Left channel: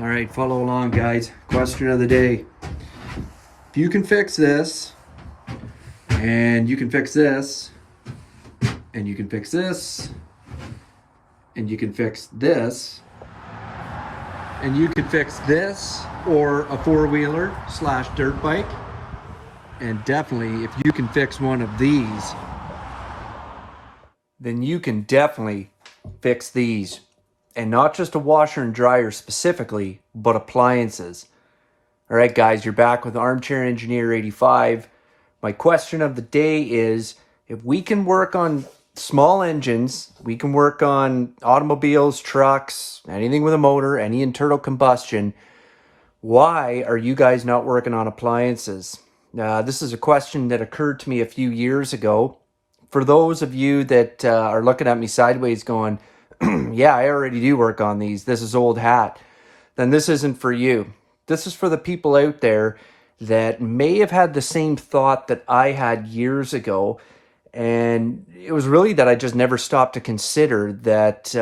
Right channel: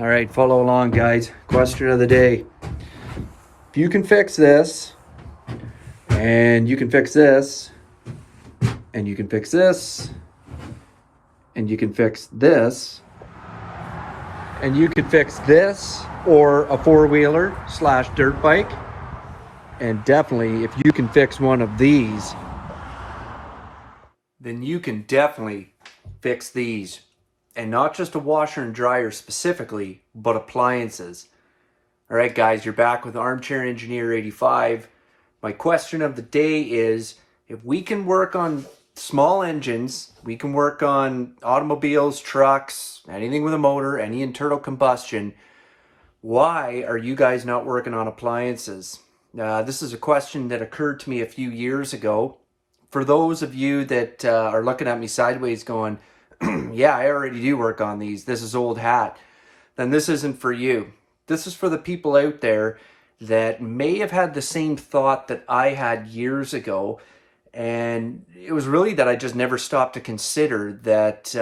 All right, follow along, guys. Question of the day. If you can fix this, and you can fix this, and you can fix this, and you can fix this, and you can fix this, or a four-wheeler slash dirt bike, and definitely if you can fix one of these, then you can definitely fix these. And not just a washer and dryer specifically, but appliances. All right, guys, you're back with Armchair Engineer 85. My question of the day is, if we can work on small engines, we can work on automobiles, trucks, anything with a motor, any internal combustion, why are you guys not working on appliances? This is a question that occurred to me a few years ago. For those of you that are looking at me sideways going, yeah, I already do work on these, this is old hat, then this isn't for you. This is for the people out there that may have had the same thought that I had years ago. And it was really that I just never stopped to consider that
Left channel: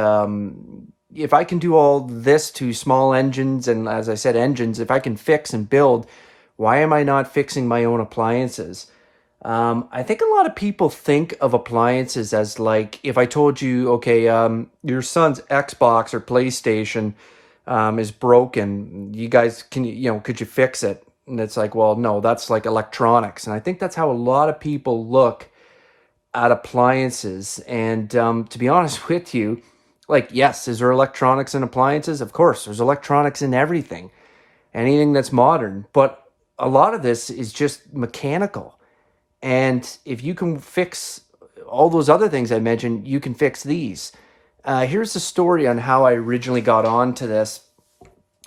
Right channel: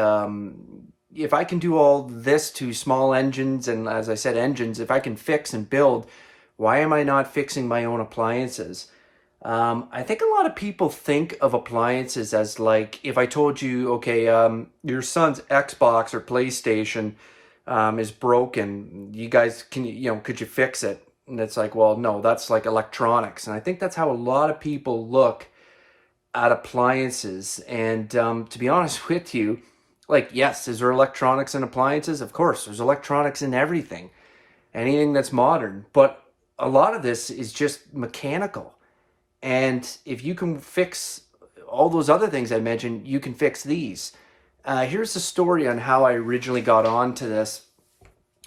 if I can do all this to small engines, and as I said, engines, if I can fix and build, why am I not fixing my own appliances? I think a lot of people think of appliances as like, if I told you, okay, your son's Xbox or PlayStation is broken, you guys can, could you fix it? And it's like, well, no, that's like electronics. And I think that's how a lot of people look at appliances. And to be honest with you, like, yes, is there electronics in appliances? Of course, there's electronics in everything, anything that's modern. But a lot of this is just mechanical. And if you can fix all those other things I mentioned, you can fix these. Here's the story on how I originally got onto this.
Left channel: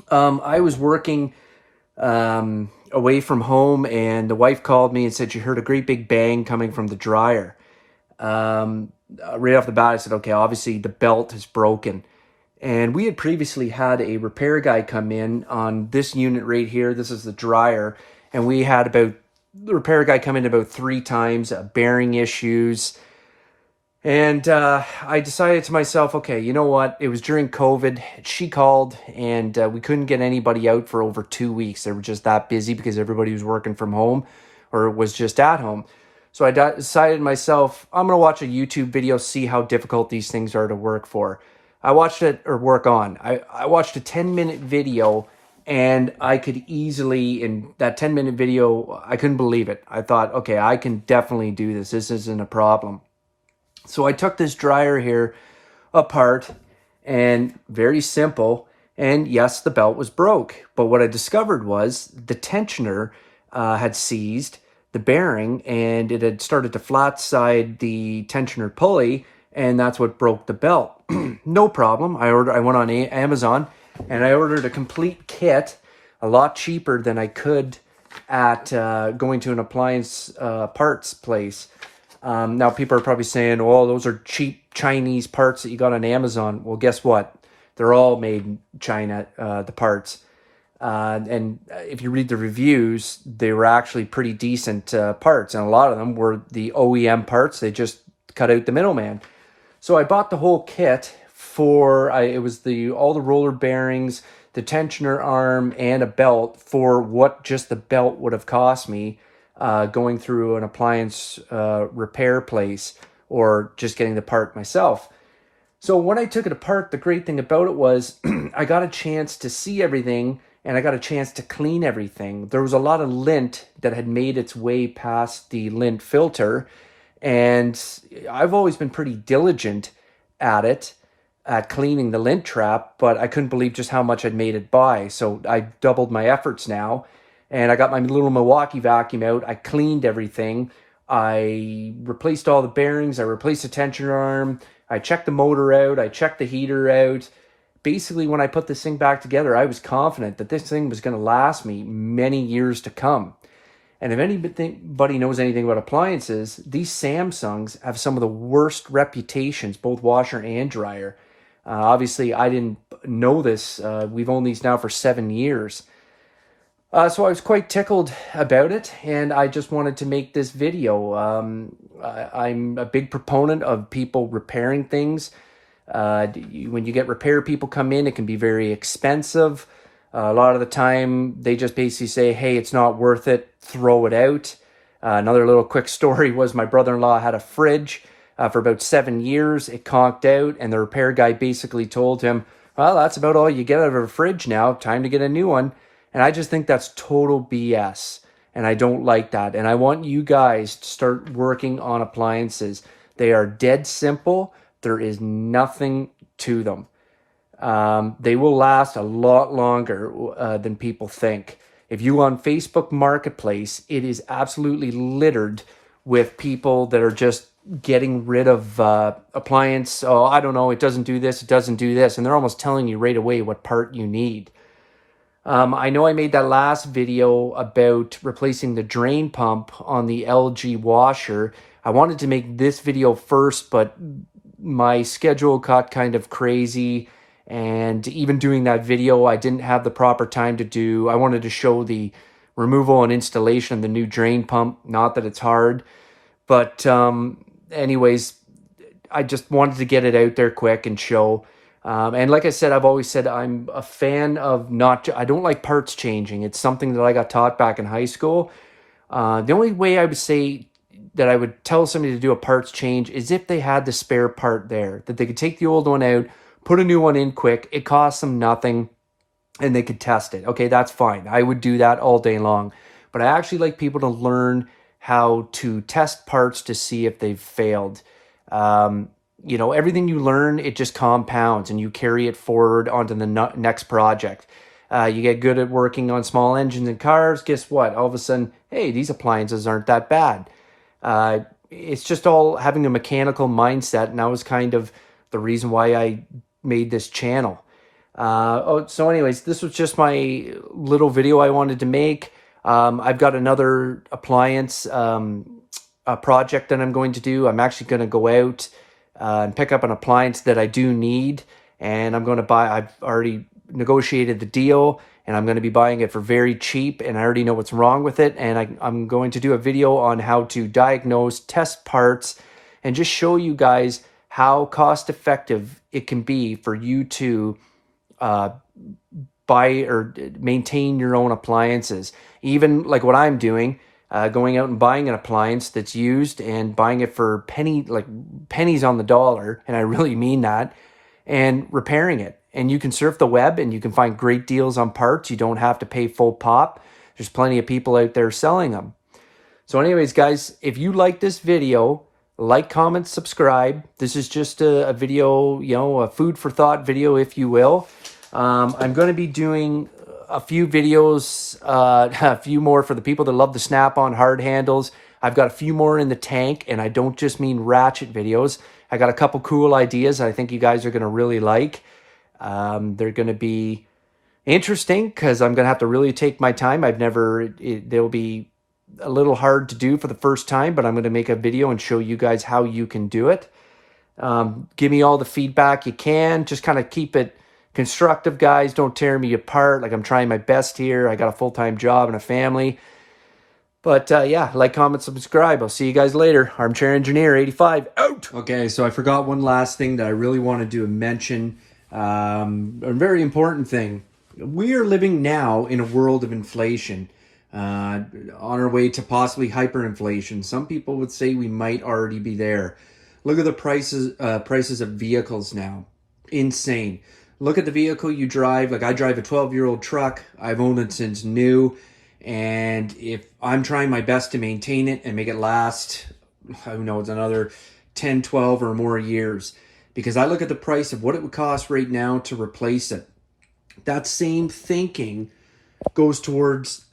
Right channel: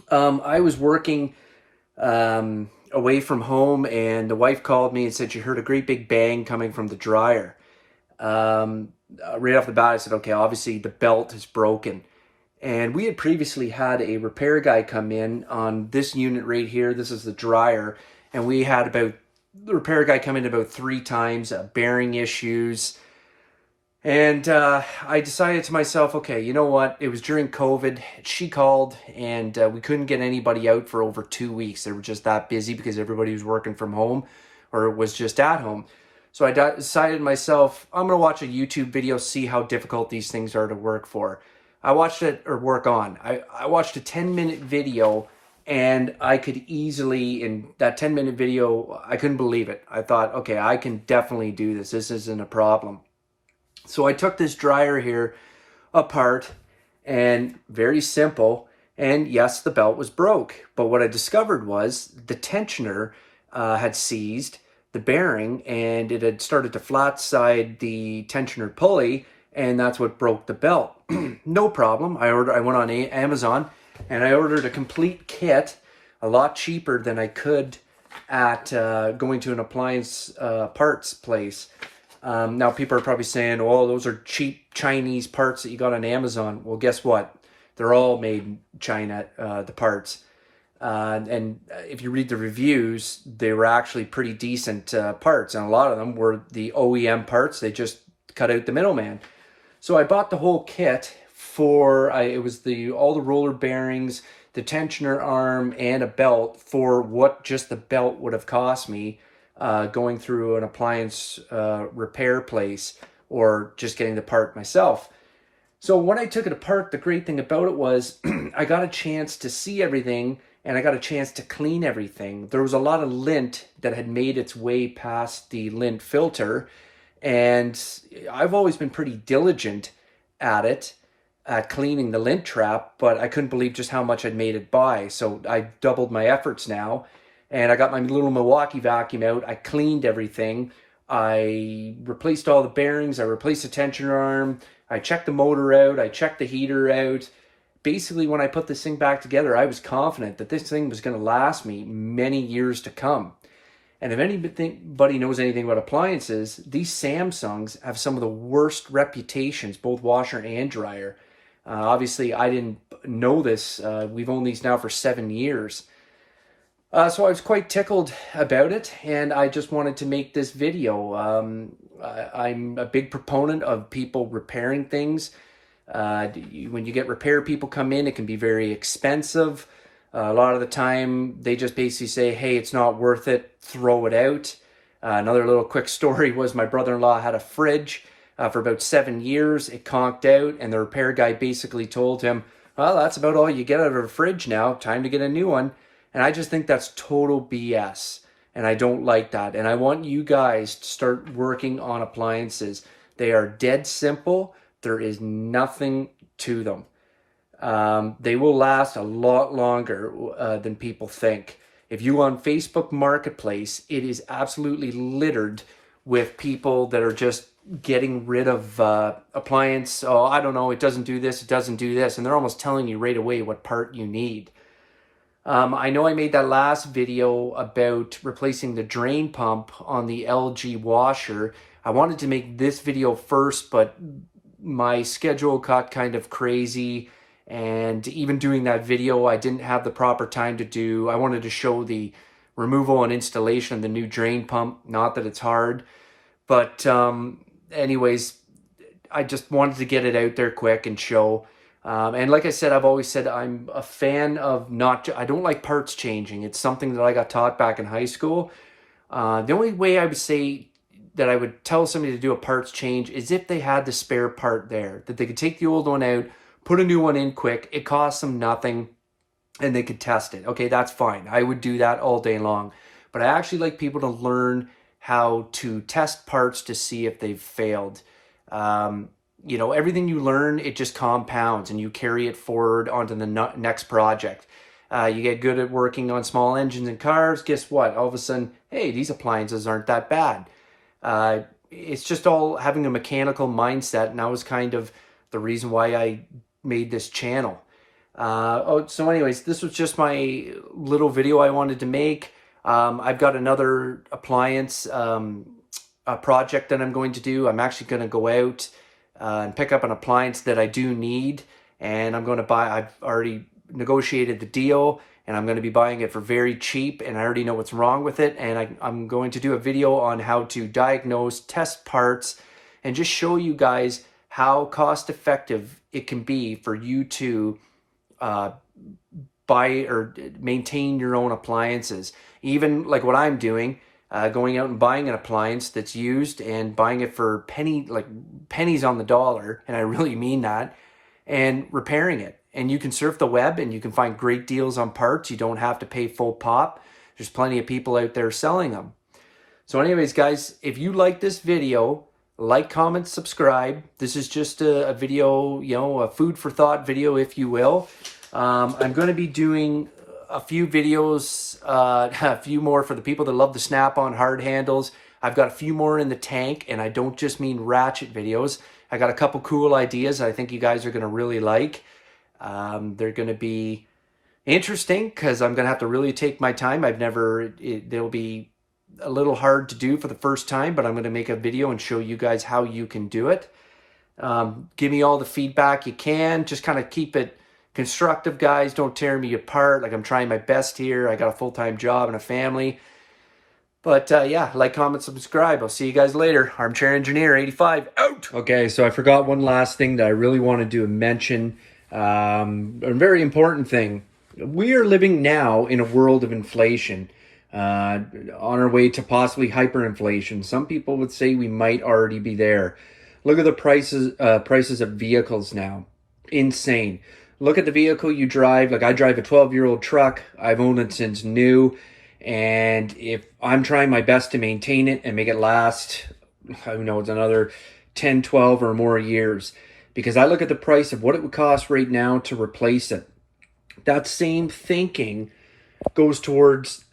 I was working away from home, and the wife called me and said she heard a great big bang coming from the dryer. Right off the bat, I said, okay, obviously the belt is broken. And we had previously had a repair guy come in on this unit right here. This is the dryer. And we had the repair guy come in about 3 times, bearing issues. And I decided to myself, okay, you know what? It was during COVID. She called, and we couldn't get anybody out for over 2 weeks. They were just that busy because everybody was working from home or was just at home. So I decided to myself, I'm going to watch a YouTube video, see how difficult these things are to work for. I watched it, or work on. I watched a 10-minute video, and I could easily, in that 10-minute video, I couldn't believe it. I thought, okay, I can definitely do this. This isn't a problem. So I took this dryer here apart, and very simple. And yes, the belt was broke. But what I discovered was the tensioner had seized the bearing, and it had started to flat side the tensioner pulley, and that's what broke the belt. No problem. I went on Amazon, and I ordered a complete kit, a lot cheaper than I could at going to an appliance parts place. Now people are probably saying, oh, those are cheap Chinese parts that you got on Amazon. Well, guess what? They're all made in China, the parts. And if you read the reviews, they were actually pretty decent parts. And a lot of them were the OEM parts. They just cut out the middleman. So I bought the whole kit for, it was all the roller bearings, the tensioner arm, and a belt for what just the belt would have cost me going through an appliance repair place or just getting the part myself. So when I took it apart, the great thing about it was I got a chance to see everything, and I got a chance to clean everything. There was a lot of lint that had made its way past the lint filter, and I've always been pretty diligent at it, at cleaning the lint trap, but I couldn't believe just how much I'd made it by. So I doubled my efforts now, and I got my little Milwaukee vacuum out. I cleaned everything. I replaced all the bearings. I replaced the tensioner arm. I checked the motor out. I checked the heater out. Basically, when I put this thing back together, I was confident that this thing was going to last me many years to come. And if anybody knows anything about appliances, these Samsungs have some of the worst reputations, both washer and dryer. Obviously, I didn't know this. We've owned these now for 7 years. So I was quite tickled about it, and I just wanted to make this video. I'm a big proponent of people repairing things. When you get repair people come in, it can be very expensive. A lot of the time, they just basically say, hey, it's not worth it, throw it out. Another little quick story was my brother-in-law had a fridge for about 7 years. It conked out, and the repair guy basically told him, well, that's about all you get out of a fridge now. Time to get a new one. And I just think that's total BS. And I don't like that. And I want you guys to start working on appliances. They are dead simple. There is nothing to them. They will last a lot longer than people think. If you go on Facebook Marketplace, it is absolutely littered with people that are just getting rid of appliance. Oh, I don't know, it doesn't do this, it doesn't do this. And they're almost telling you right away what part you need. I know I made that last video about replacing the drain pump on the LG washer. I wanted to make this video first, but my schedule got kind of crazy. And even doing that video, I didn't have the proper time to do. I wanted to show the removal and installation of the new drain pump. Not that it's hard. But anyways, I just wanted to get it out there quick and show. And like I said, I've always said I'm a fan of I don't like parts changing. It's something that I got taught back in high school. The only way I would say that I would tell somebody to do a parts change is if they had the spare part there, that they could take the old one out, put a new one in quick. It costs them nothing and they could test it. Okay, that's fine. I would do that all day long. But I actually like people to learn how to test parts to see if they've failed. You know, everything you learn, it just compounds and you carry it forward onto the next project. You get good at working on small engines and cars. Guess what? All of a sudden, hey, these appliances aren't that bad. It's just all having a mechanical mindset. And that was kind of the reason why I made this channel. So anyways, this was just my little video I wanted to make. I've got another appliance project that I'm going to do. I'm actually going to go out and pick up an appliance that I do need, and I'm going to buy. I've already negotiated the deal, and I'm going to be buying it for very cheap, and I already know what's wrong with it, and I'm going to do a video on how to diagnose, test parts, and just show you guys how cost effective it can be for you to buy or maintain your own appliances. Even like what I'm doing, going out and buying an appliance that's used and buying it for pennies on the dollar, and I really mean that, and repairing it. And you can surf the web and you can find great deals on parts. You don't have to pay full pop. There's plenty of people out there selling them. So anyways, guys, if you like this video, like, comment, subscribe. This is just a video, you know, a food for thought video, if you will. I'm going to be doing a few videos, a few more for the people that love the Snap-on hard handles. I've got a few more in the tank, and I don't just mean ratchet videos. I got a couple cool ideas that I think you guys are going to really like. They're going to be interesting because I'm going to have to really take my time. They'll be a little hard to do for the first time, but I'm going to make a video and show you guys how you can do it. Give me all the feedback you can. Just kind of keep it constructive, guys. Don't tear me apart. Like, I'm trying my best here. I got a full-time job and a family. But yeah, like, comment, subscribe. I'll see you guys later. Armchair Engineer 85 out. Okay, so I forgot one last thing that I really wanted to mention. A very important thing. We are living now in a world of inflation. On our way to possibly hyperinflation. Some people would say we might already be there. Look at the prices of vehicles now. Insane. Look at the vehicle you drive. Like, I drive a 12-year-old truck. I've owned it since new. And if I'm trying my best to maintain it and make it last, who knows, another 10, 12 or more years. Because I look at the price of what it would cost right now to replace it. That same thinking goes towards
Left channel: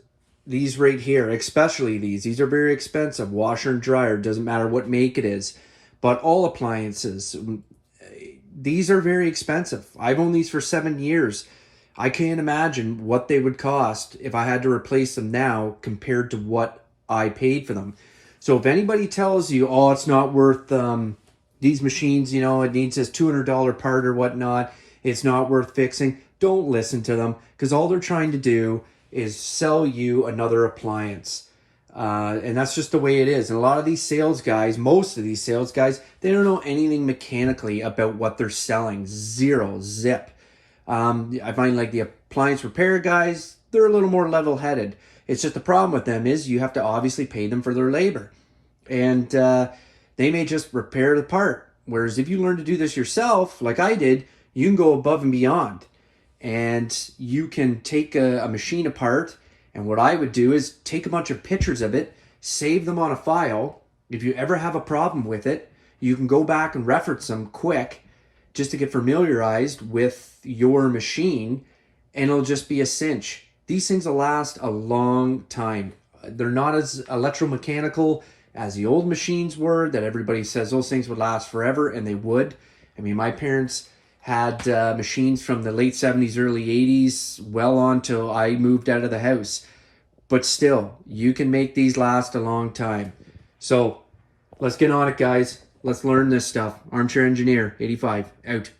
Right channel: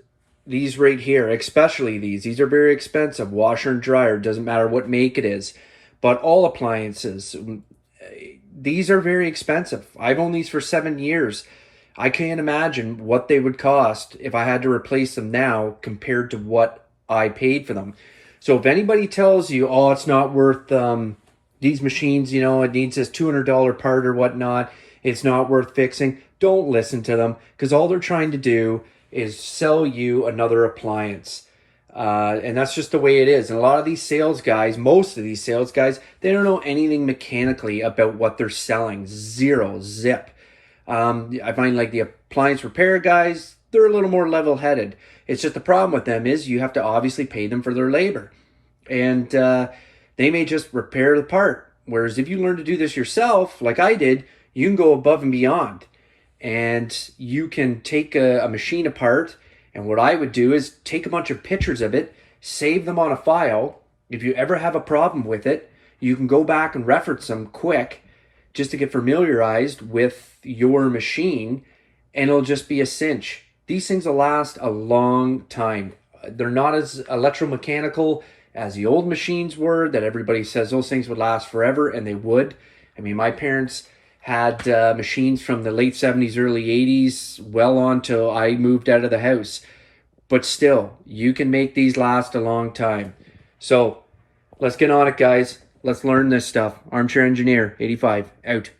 these right here, especially these. These are very expensive. Washer and dryer, doesn't matter what make it is. But all appliances, these are very expensive. I've owned these for 7 years. I can't imagine what they would cost if I had to replace them now compared to what I paid for them. So if anybody tells you, oh, it's not worth these machines, you know, it needs this $200 part or whatnot, it's not worth fixing, don't listen to them, because all they're trying to do is sell you another appliance. And that's just the way it is. And a lot of these sales guys, most of these sales guys, they don't know anything mechanically about what they're selling. Zero, zip. I find like the appliance repair guys, they're a little more level-headed. It's just the problem with them is you have to obviously pay them for their labor. And they may just repair the part. Whereas if you learn to do this yourself, like I did, you can go above and beyond. And you can take a machine apart. And what I would do is take a bunch of pictures of it, save them on a file. If you ever have a problem with it, you can go back and reference them quick just to get familiarized with your machine, and it'll just be a cinch. These things will last a long time. They're not as electromechanical as the old machines were that everybody says those things would last forever, and they would. I mean, my parents had machines from the late 70s, early 80s, well on till I moved out of the house. But still, you can make these last a long time. So let's get on it, guys. Let's learn this stuff. Armchair Engineer 85 out.